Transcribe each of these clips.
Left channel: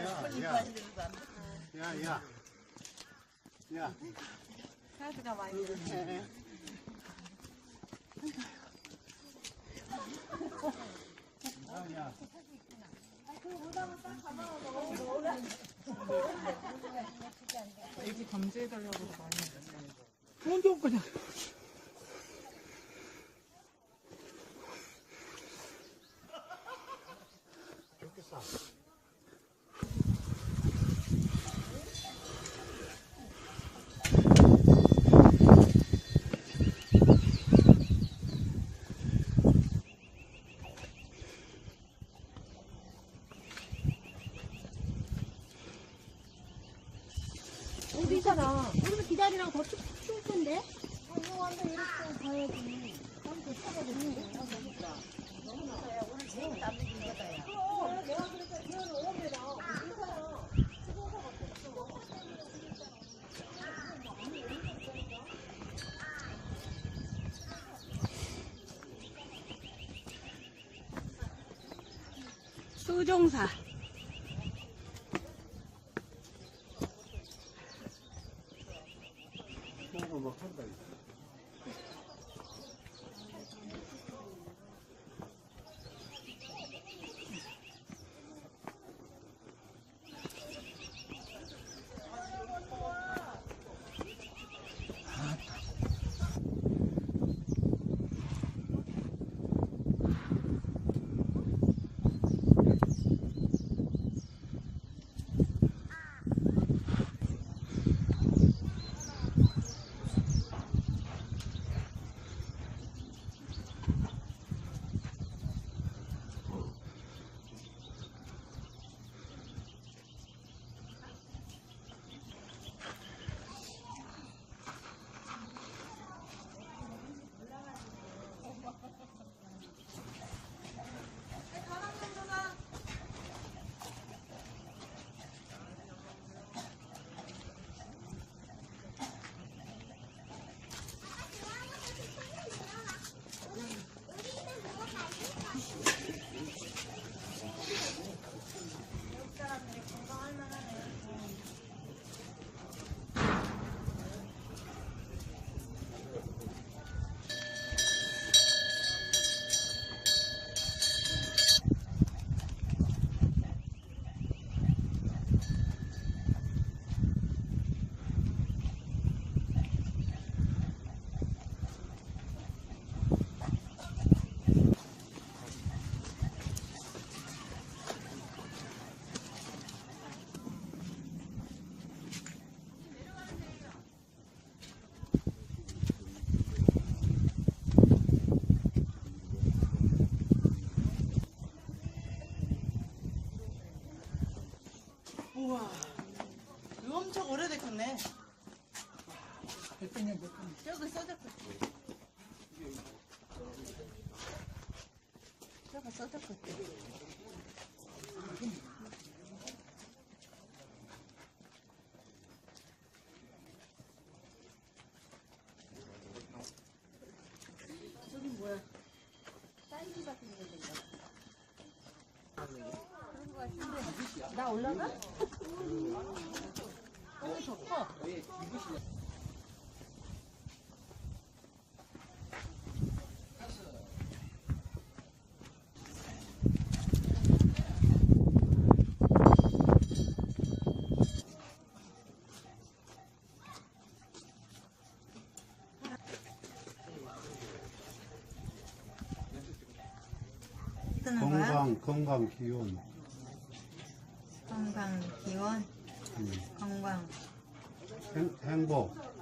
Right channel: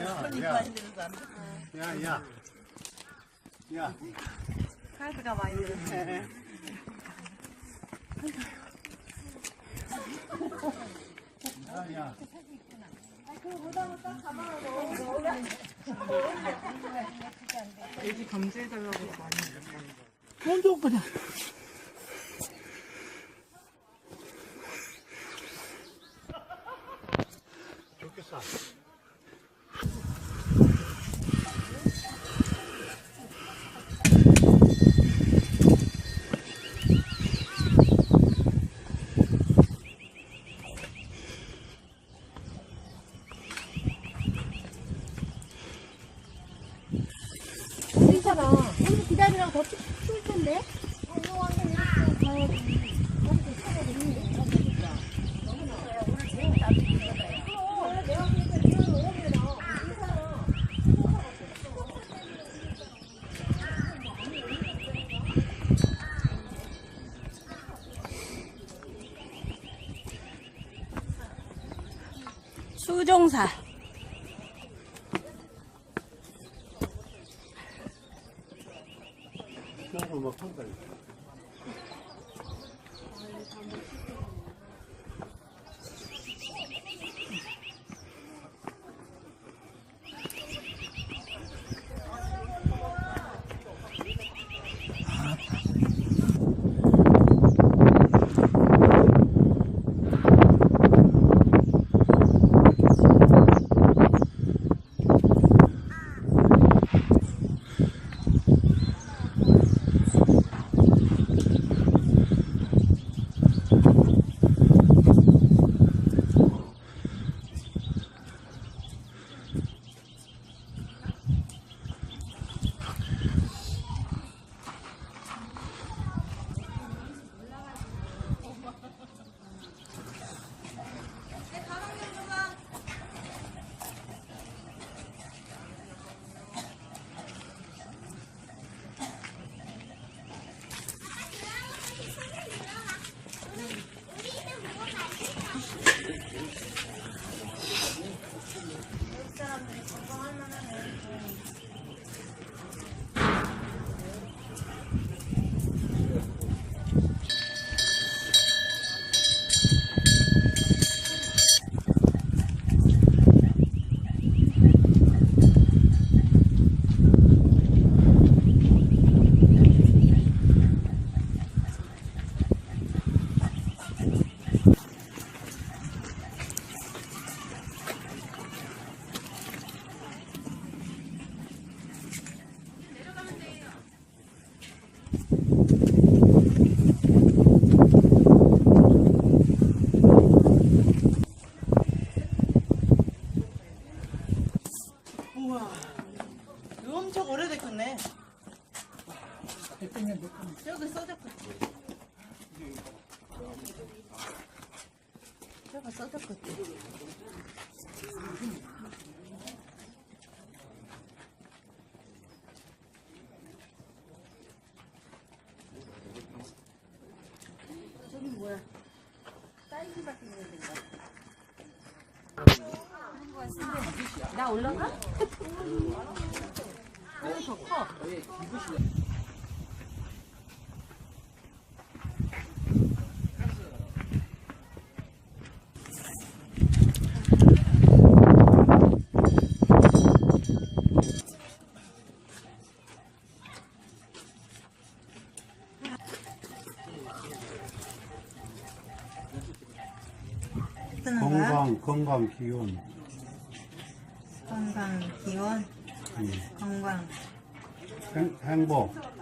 야, 야, 야, 야. 카드가 많이 들었어. 야, 야. LG 경제해달라고 많이 좋겠어. 우리처럼 오늘 기다리라고 더 추- 추울 텐데. 어, 이거 완전 이렇게 가야지. 이렇게 차거든요. 오늘 제일 남는 거다. 그럼 원래 내가 보니까 기온이 오면 나 인사랑 수종사. 써졌겠지. 나 올라가? 오, 더 커. 뜨는 거야? 건강, 건강 기운. 건강, 기원, 음. 건강, 행, 행복. 행복.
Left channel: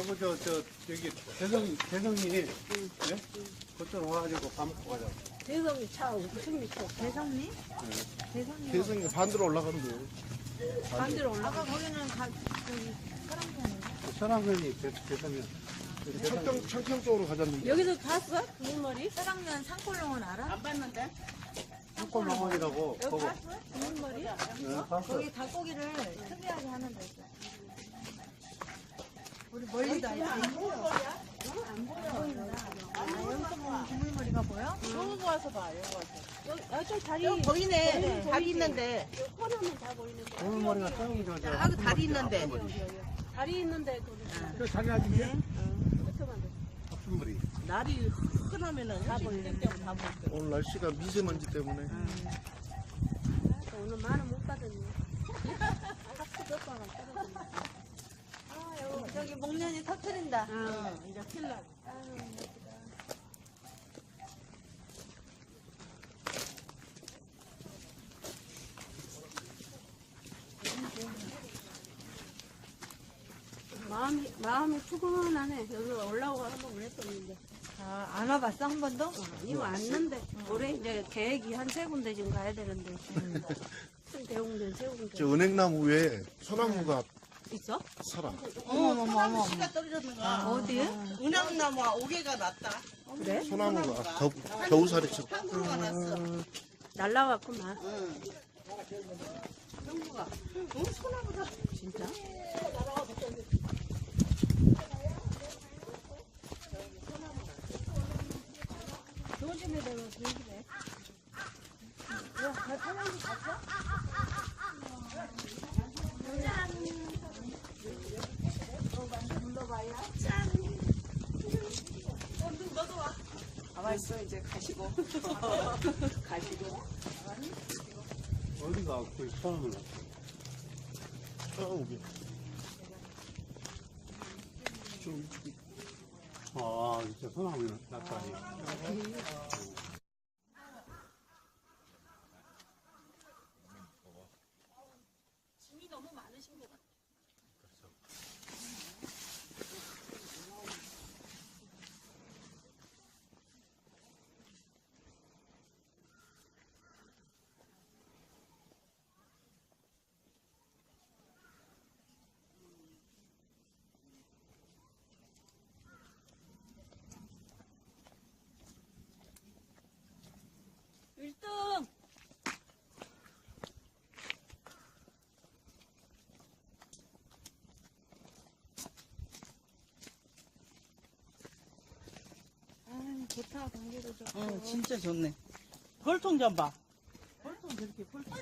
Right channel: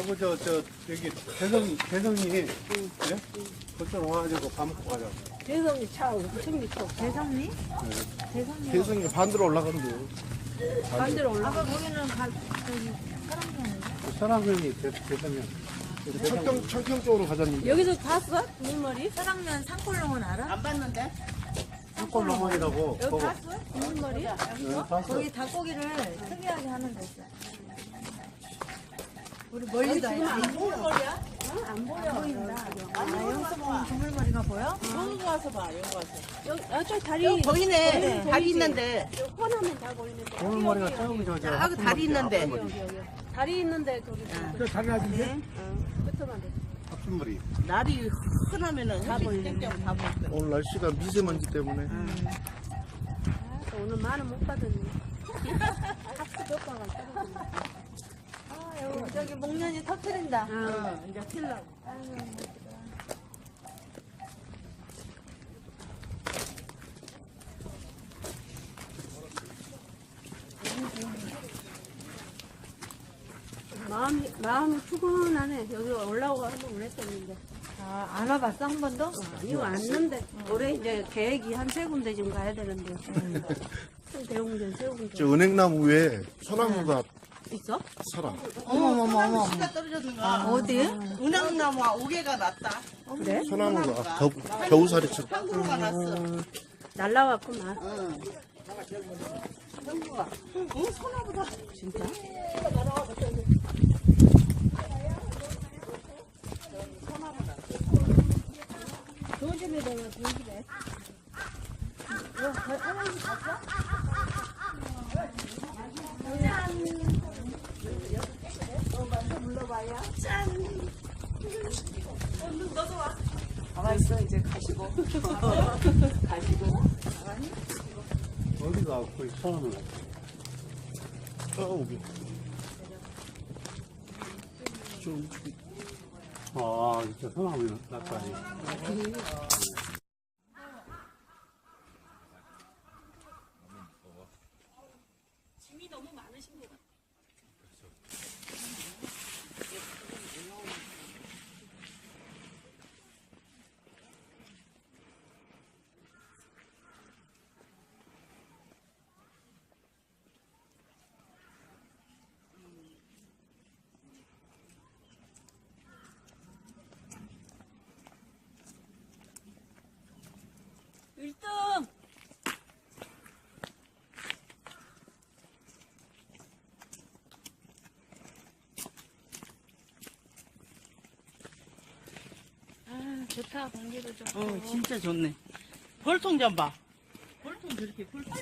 저거 저, 저, 여기, 대성, 대성이, 네? 그쪽 와가지고 밥 먹고 가자. 대성이 차 엄청 미쳐. 대성리? 대성이 반대로 올라가는 거예요. 반대로 올라. 아까 거기는 가, 저기, 사람이 사람이 대성이. 창평, 창평 쪽으로 가자는. 여기서 봤어? 눈머리? 사랑면 산골농은 알아? 한골농원이라고, 그거. 눈머리? 네, 봤어. 거기 닭고기를 특이하게 하는 데 있어. 우리 멀리도 알지? 안 보여. 아, 여기서 보면 주물머리가 보여? 여기 와서 봐, 여기 와서. 여기 아, 저 다리 보이네. 다리 있는데. 뻔하면 다 보이는데. 오늘머리가 작은 저, 저. 아, 그 다리 있는데. 다리 있는데 저기 저 다리 아직 네. 끝만 돼. 합순머리. 날이 흔하면은 다 보이네. 오늘 날씨가 미세먼지 때문에. 아, 오늘 만원 못 받았네. 몇 방울 떨어졌네. 저기 목련이 터트린다. 어, 이제 필라고. 마음이 마음이 푸근하네. 여기 올라오고 한번 그랬었는데. 아, 안 와봤어? 한 번도? 아니 왔는데 올해 이제 계획이 한 세 군데 좀 가야 되는데. 대웅전 세 군데. 저 은행나무 위에 소나무가 있어? 살아. 어머머머머. 씨가 떨어졌는 거. 어디? 은행나무가 5개가 났다. 그래? 소나무가 겨, 겨우살이처럼. 한구가 났어. 날라왔구만. 응. 소나보다. 진짜? 조심해, 내가 조심해. 야, 저 사람이 갔어? 가만 있어, 이제 가시고. 가시고. 어디가 그 사람을. 저기. 좀 아, 진짜 소나무 났다니. 좋다, 공기도 좋고. 어, 진짜 좋네. 벌통 좀 봐. 벌통 저렇게 벌통.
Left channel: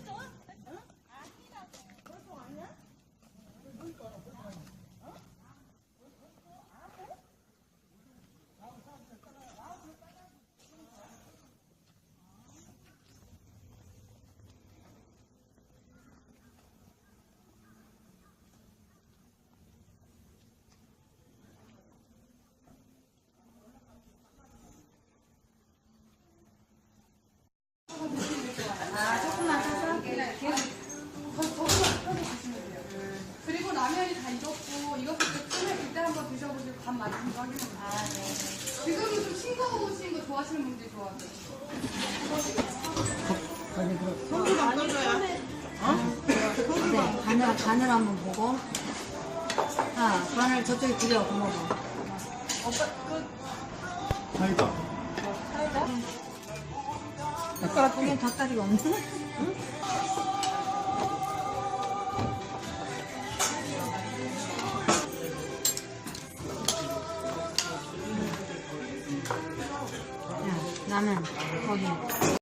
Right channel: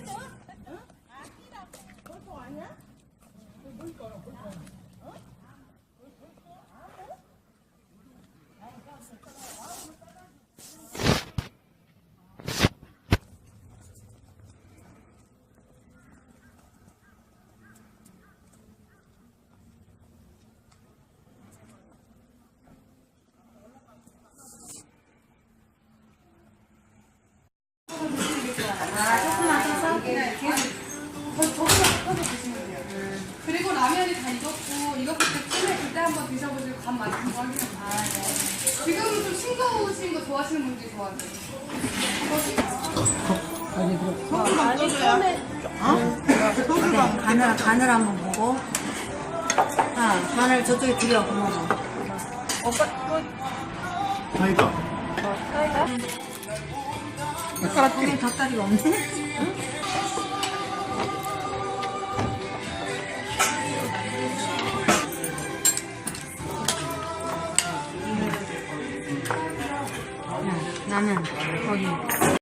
그리고 라면이 다 익었고 익었을 때 찜에 그때 한번 드셔보시고 간 맞는 거 확인해 보세요. 지금은 좀 싱거우신 거 좋아하시는 분들이 좋아하세요. 성주만 떠줘야. 네, 간을, 간을 한번 보고. 아, 간을 저쪽에 들여, 고마워. 사이다. 거기 닭다리가 없네? 야, 나는 거기